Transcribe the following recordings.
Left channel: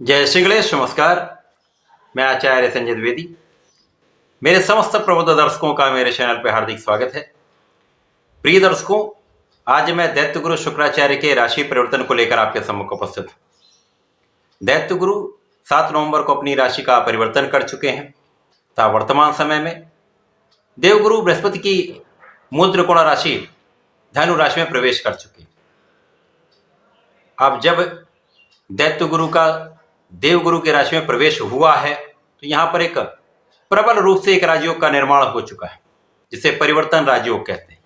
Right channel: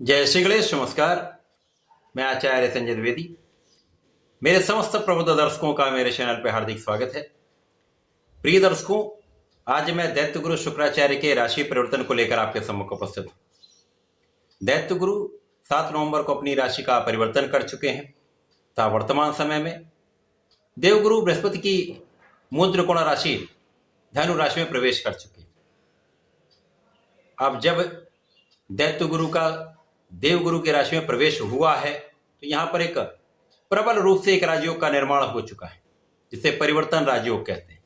जय श्री गणेश। नमस्कार। मैं आचार्य संजय द्विवेदी। मेरे समस्त प्रबुद्ध दर्शकों का मेरे चैनल पर हार्दिक स्वागत है। प्रिय दर्शकों, आज मैं दैत्य गुरु शुक्राचार्य के राशि परिवर्तन को लेकर आपके सम्मुख उपस्थित हूं। दैत्य गुरु 7 नवंबर को अपनी राशि का परिवर्तन कर चुके हैं तथा वर्तमान समय में देवगुरु बृहस्पति की मूल त्रिकोण राशि धनु राशि में प्रवेश कर चुके हैं। अब जब दैत्य गुरु का देवगुरु की राशि में प्रवेश हुआ है तो यहां पर एक प्रबल रूप से एक राजयोग का निर्माण हो चुका है, जिसे परिवर्तन राजयोग कहते हैं।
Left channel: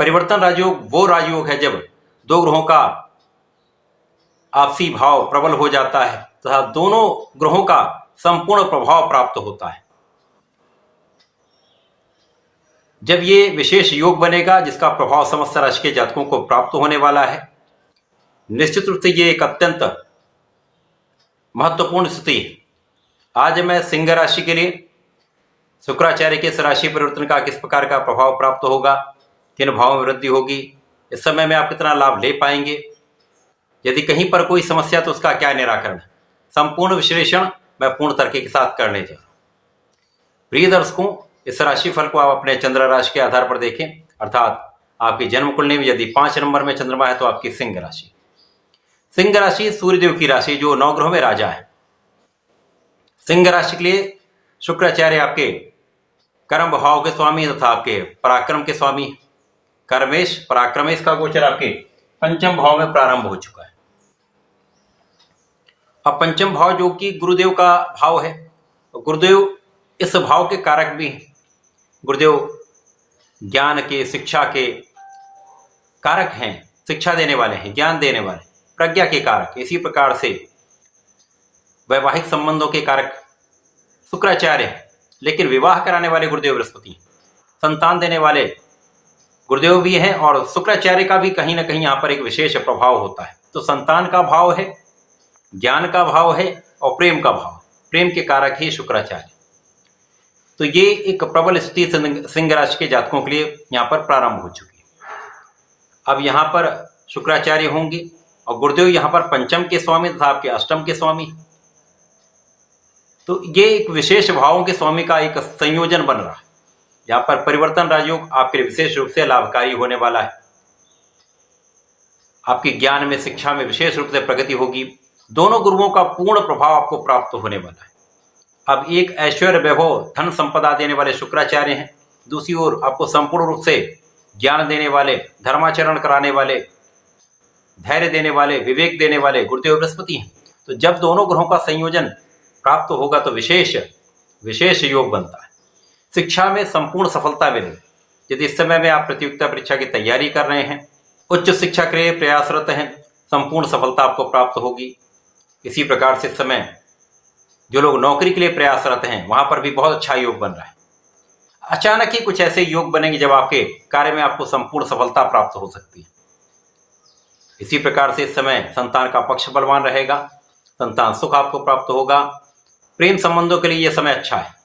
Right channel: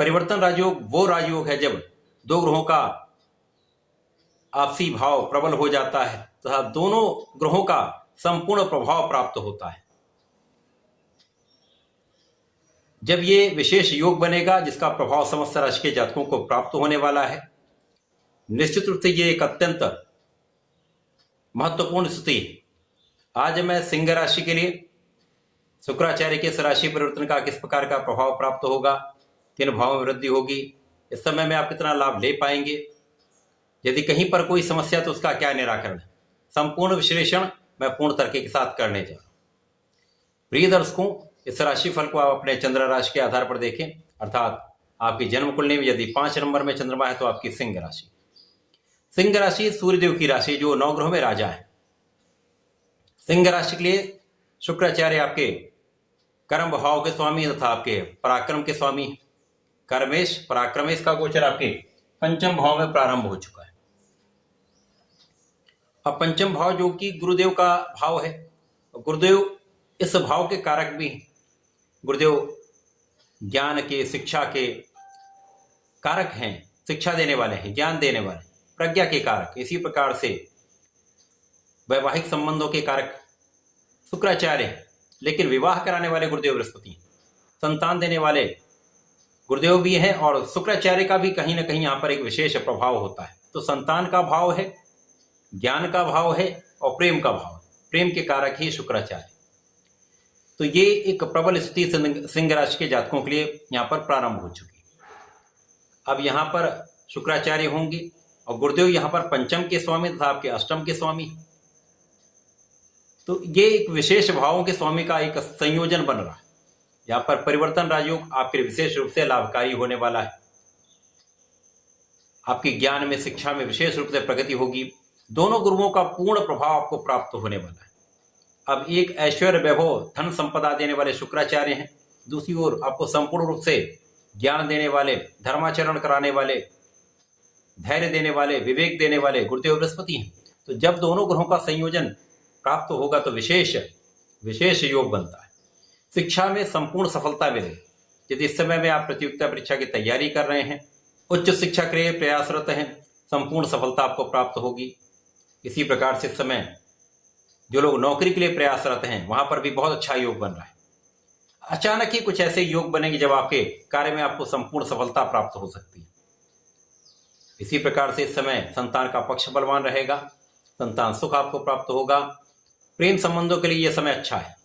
परिवर्तन राजयोग वो राजयोग है जब दो ग्रहों का आपसी भाव प्रबल हो जाता है तथा दोनों ग्रहों का संपूर्ण प्रभाव प्राप्त होता है। जब ये विशेष योग बनेगा जिसका प्रभाव समस्त राशि के जातकों को प्राप्त होने वाला है, निश्चित रूप से ये एक अत्यंत महत्वपूर्ण स्थिति है। आज मैं सिंह राशि के लिए शुक्राचार्य के इस राशि परिवर्तन का किस प्रकार का प्रभाव प्राप्त होगा, किन भावों में वृद्धि होगी, इस समय में आप कितना लाभ ले पाएंगे, यदि कहीं पर कोई समस्या तो उसका क्या निराकरण है, संपूर्ण विश्लेषण मैं पूर्ण तर्क के साथ करने जा रहा हूं। प्रिय दर्शकों, इस राशि फल को आप अपने चंद्र राशि के आधार पर देखें, अर्थात आपकी जन्म कुंडली में यदि 5 नंबर में चंद्रमा है तो आपकी सिंह राशि। सिंह राशि सूर्यदेव की राशि जो 9 ग्रहों में राजा है। सिंह राशि के लिए शुक्राचार्य आपके कर्म भाव के स्वामी तथा आपके पराक्रम के स्वामी। कर्मेश पराक्रमेश का गोचर आपके पंचम भाव में प्रारंभ हो चुका है। अब पंचम भाव जो कि गुरुदेव का भाव है, तो गुरुदेव इस भाव के कारक भी हैं। गुरुदेव ज्ञान के, शिक्षा के कारक हैं, शिक्षा देने वाले हैं, ज्ञान देने वाले, प्रज्ञा के कारक। इसी प्रकार से वैवाहिक संबंधों के कारक शुक्राचार्य हैं, लेकिन विवाह कराने वाले गुरुदेव बृहस्पति हैं। संतान देने वाले गुरुदेव भी हैं और शुक्राचार्य का भी कहीं ना कहीं यहाँ पर एक विशेष प्रभाव होता है। तो संतान का भाव है, ज्ञान का भाव है और प्रेम का भाव, प्रेम के कारक ही शुक्राचार्य। तो ये एक प्रबल स्थिति सिंह राशि के जातकों के लिए यहाँ पर प्रारंभ हो चुकी है। अब यहाँ पर शुक्राचार्य होंगे और गुरुदेव यहाँ पर पंचम के स्वामी तथा आपके अष्टम के स्वामी। तो ये एक विशेष भावों के स्वामी का एक संयोजन बन रहा है। यहाँ पर परिवर्तन राजयोग आपके विशेष रूप से लाभकारी होने वाला है। आपकी ज्ञान में, शिक्षा में विशेष रूप से प्रगति होगी। दोनों गुरुओं का पूर्ण प्रभाव आपको प्राप्त होने वाला है। अब एक ऐश्वर्य, वैभव, धन संपदा देने वाले शुक्राचार्य हैं, दूसरी ओर आपको संपूर्ण रूप से ज्ञान देने वाले, धर्माचरण कराने वाले, धैर्य देने वाले, विवेक देने वाले गुरुदेव बृहस्पति हैं। तो जब दोनों ग्रहों का संयोजन प्राप्त होगा तो विशेष योग बनता है। शिक्षा में संपूर्ण सफलता मिलेगी। यदि इस समय में आप प्रतियोगिता परीक्षा की तैयारी कर रहे हैं, उच्च शिक्षा के लिए प्रयासरत हैं, संपूर्ण सफलता आपको प्राप्त होगी। इसी प्रकार से इस समय जो लोग नौकरी के लिए प्रयासरत हैं वहां पर भी बहुत अच्छा योग बन रहा है। अचानक ही कुछ ऐसे योग बनेंगे जब आपके कार्य में आपको संपूर्ण सफलता प्राप्त हो सकती है। इसी प्रकार से इस समय संतान का पक्ष बलवान रहेगा, संतान सुख आपको प्राप्त होगा। प्रेम संबंधों के लिए यह समय अच्छा है।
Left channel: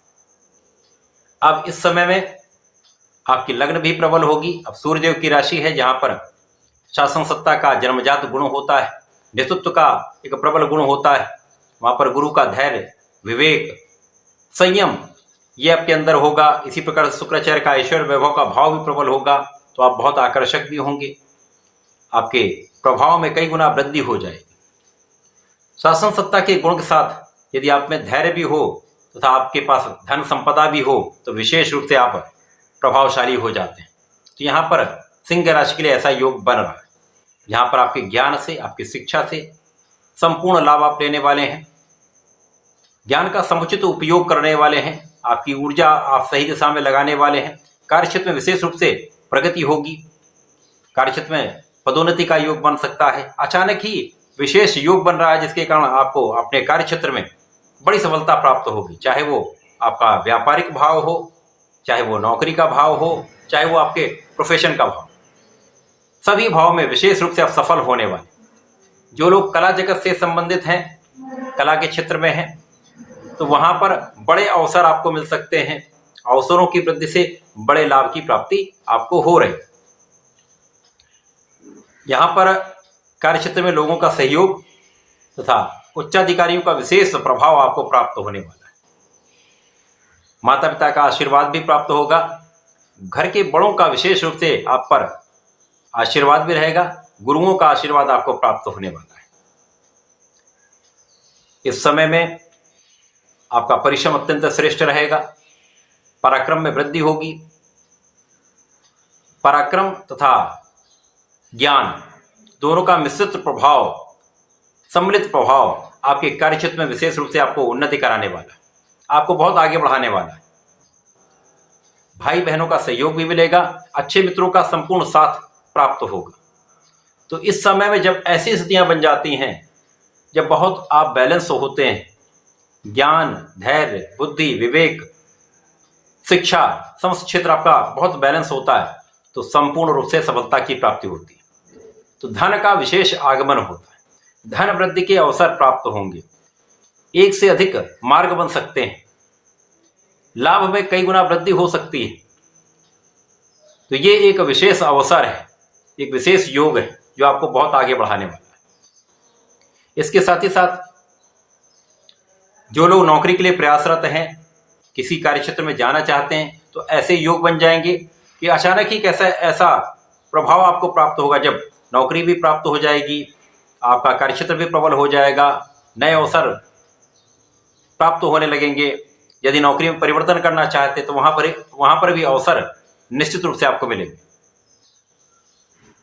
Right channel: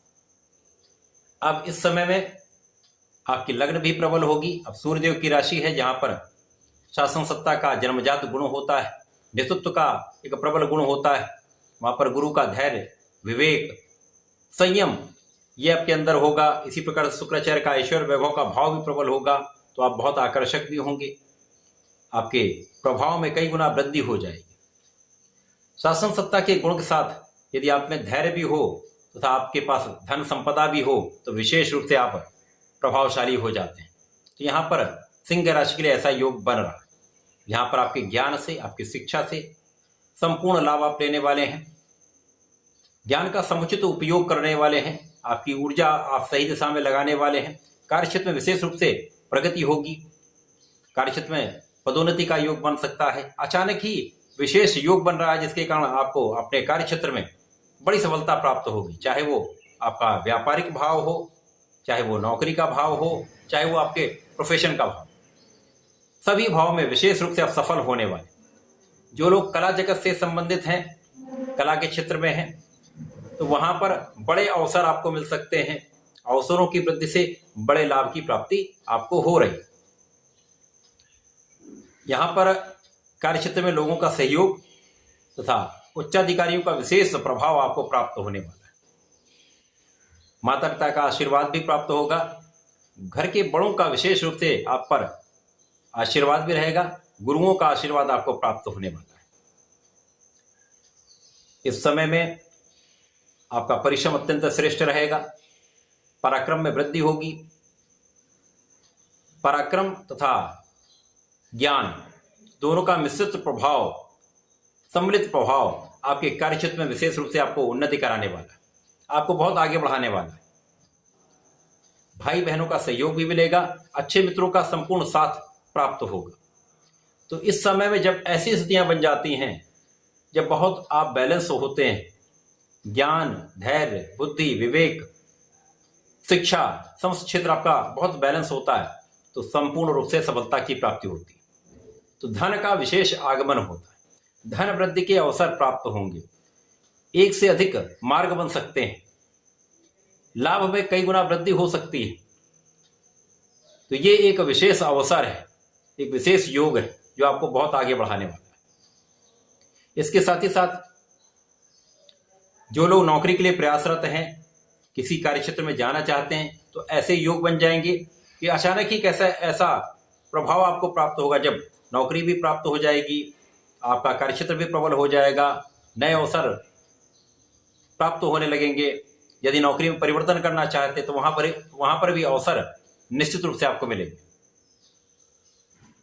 अब इस समय में आपकी लग्न भी प्रबल होगी। अब सूर्यदेव की राशि है जहां पर शासन सत्ता का जन्मजात गुण होता है, नेतृत्व का एक प्रबल गुण होता है। वहां पर गुरु का धैर्य, विवेक, संयम ये आपके अंदर होगा। इसी प्रकार शुक्राचार्य का ऐश्वर्य, वैभव का भाव भी प्रबल होगा, तो आप बहुत आकर्षक भी होंगे। आपके प्रभाव में कई गुना वृद्धि हो जाएगी। शासन सत्ता के गुण के साथ यदि आप में धैर्य भी हो तथा आपके पास धन संपदा भी हो तो विशेष रूप से आप प्रभावशाली हो जाते हैं। तो यहाँ पर सिंह राशि के लिए ऐसा योग बन रहा है। यहाँ पर आपके ज्ञान से, आपकी शिक्षा से संपूर्ण लाभ आप लेने वाले हैं। ज्ञान का समुचित उपयोग करने वाले हैं। आपकी ऊर्जा आप सही दिशा में लगाने वाले हैं। कार्यक्षेत्र में विशेष रूप से प्रगति होगी। कार्यक्षेत्र में पदोन्नति का योग बन सकता है। अचानक ही विशेष योग बन रहा है जिसके कारण आपको अपने कार्यक्षेत्र में बड़ी सफलता प्राप्त होगी। चाहे वो आपका व्यापारिक भाव हो, चाहे वो नौकरी का भाव हो, चाहे वो आपके प्रोफेशन का भाव, सभी भाव में विशेष रूप से आप सफल होने वाले। जो लोग कला जगत से संबंधित हैं, कला के क्षेत्र में हैं, तो वहां पर बड़े अवसर आपको मिल सकते हैं। अवसरों की वृद्धि से बड़े लाभ की प्राप्ति आपको हो रही। यहाँ पर कार्यक्षेत्र में लोगों का सहयोग तथा उच्चाधिकारियों का विशेष प्रभाव आपको प्राप्त होने वाला है। माता पिता का आशीर्वाद भी प्राप्त होगा। घर के बड़ों का विशेष रूप से आप पर आशीर्वाद भी रहेगा। गुरुओं का आशीर्वाद आपको प्राप्त होने वाला है। इस समय में आपका परिश्रम अत्यंत श्रेष्ठ रहेगा। पराक्रम में वृद्धि होगी। पराक्रम तथा ज्ञान दोनों का मिश्रित प्रभाव, सम्मिलित प्रभाव आपके कार्यक्षेत्र में विशेष रूप से आपको उन्नति कराने वाला है, आपको बहुत आगे बढ़ाने वाला है। भाई बहनों का सहयोग भी मिलेगा। अच्छे मित्रों का संपूर्ण साथ प्राप्त होगा। तो इस समय में जब ऐसी स्थितियां बन जाती हैं, जब बहुत आप बैलेंस होते हैं, ज्ञान, धैर्य, बुद्धि, विवेक, शिक्षा, समस्त क्षेत्र आपका बहुत बैलेंस होता है, तो संपूर्ण रूप से सफलता की प्राप्ति होती है। तो धन का विशेष आगमन होता है। धन वृद्धि के अवसर प्राप्त होंगे। एक से अधिक मार्ग बन सकते हैं। लाभ में कई गुना वृद्धि हो सकती है। तो ये एक विशेष अवसर है, एक विशेष योग है जो आपको बहुत आगे बढ़ाने वाला है। इसके साथ ही साथ जो लोग नौकरी के लिए प्रयासरत हैं, किसी कार्यक्षेत्र में जाना चाहते हैं, तो ऐसे योग बन जाएंगे कि अचानक ही ऐसा प्रभाव आपको प्राप्त होगा। जब नौकरी भी प्राप्त हो जाएगी, आपका कार्यक्षेत्र भी प्रबल हो जाएगा, नए अवसर प्राप्त होने लगेंगे। यदि नौकरी में परिवर्तन करना चाहते तो वहां पर भी अवसर निश्चित रूप से आपको मिलेंगे।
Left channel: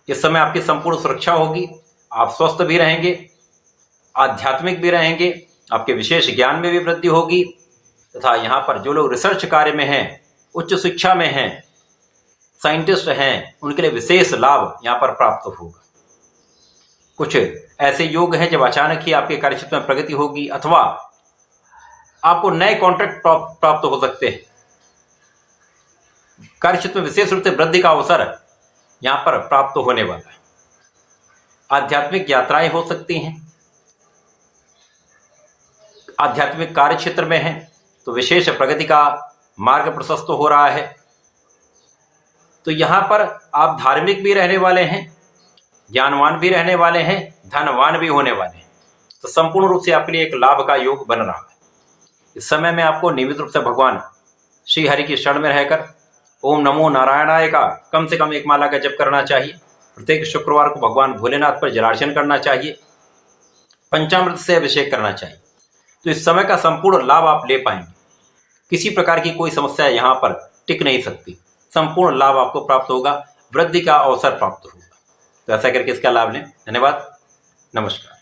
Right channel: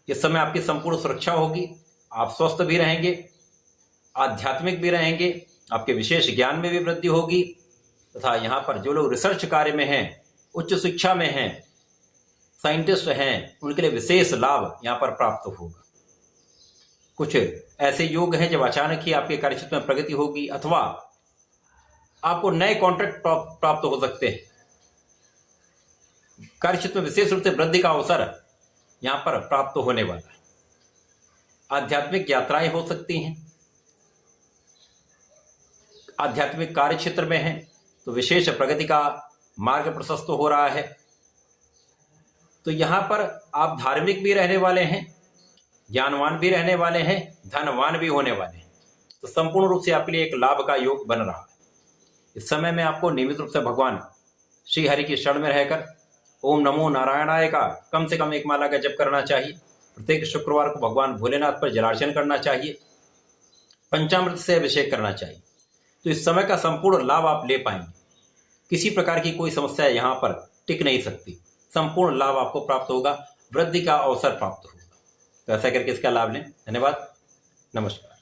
इस समय आपकी संपूर्ण सुरक्षा होगी। आप स्वस्थ भी रहेंगे, आध्यात्मिक भी रहेंगे, आपके विशेष ज्ञान में भी वृद्धि होगी। तथा यहाँ पर जो लोग रिसर्च कार्य में हैं, उच्च शिक्षा में हैं, साइंटिस्ट हैं, उनके लिए विशेष लाभ यहाँ पर प्राप्त होगा। कुछ ऐसे योग हैं जब अचानक ही आपके कार्यक्षेत्र में प्रगति होगी, अथवा आपको नए कॉन्ट्रैक्ट प्राप्त हो सकते हैं। कार्यक्षेत्र में विशेष रूप से वृद्धि का अवसर यहाँ पर प्राप्त होने वाला है। आध्यात्मिक यात्राएं हो सकती हैं। आध्यात्मिक कार्य क्षेत्र में हैं तो विशेष प्रगति का मार्ग प्रशस्त हो रहा है। तो यहाँ पर आप धार्मिक भी रहने वाले हैं, ज्ञानवान भी रहने वाले हैं, धनवान भी होने वाले हैं। तो संपूर्ण रूप से आपके लिए एक लाभ का योग बन रहा है। इस समय में आपको नियमित रूप से भगवान श्री हरि की शरण में रहकर ओम नमो नारायणाय का कम से कम एक माला का जप करना चाहिए। प्रत्येक शुक्रवार को भगवान भोलेनाथ पर जलार्चन करना चाहिए। पंचामृत से अभिषेक करना चाहिए। तो इस समय का संपूर्ण लाभ आप ले पाएंगे। किसी प्रकार की कोई समस्या यहाँ पर टिक नहीं सकती। संपूर्ण लाभ आपको प्राप्त होगा, वृद्धि का अवसर प्राप्त होगा। तो ऐसा करके इसका लाभ लें। धन्यवाद, नमस्कार।